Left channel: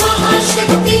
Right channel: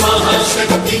महाशक्ति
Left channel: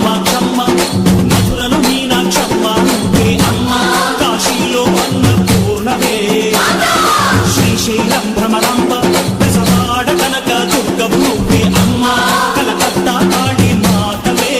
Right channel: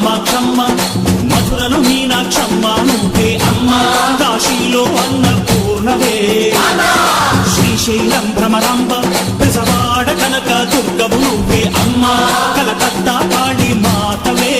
కామాక్షమ్మ మధురలో మీనాక్షమ్మ నువ్వే అమ్మ కాశీలో అన్న పూర్ణవే శ్రీశైలం భ్రమరాంబ బెజవాడ కనక దుర్గవు నువ్వే అమ్మ కలకత్తా కాళీ మాతవే.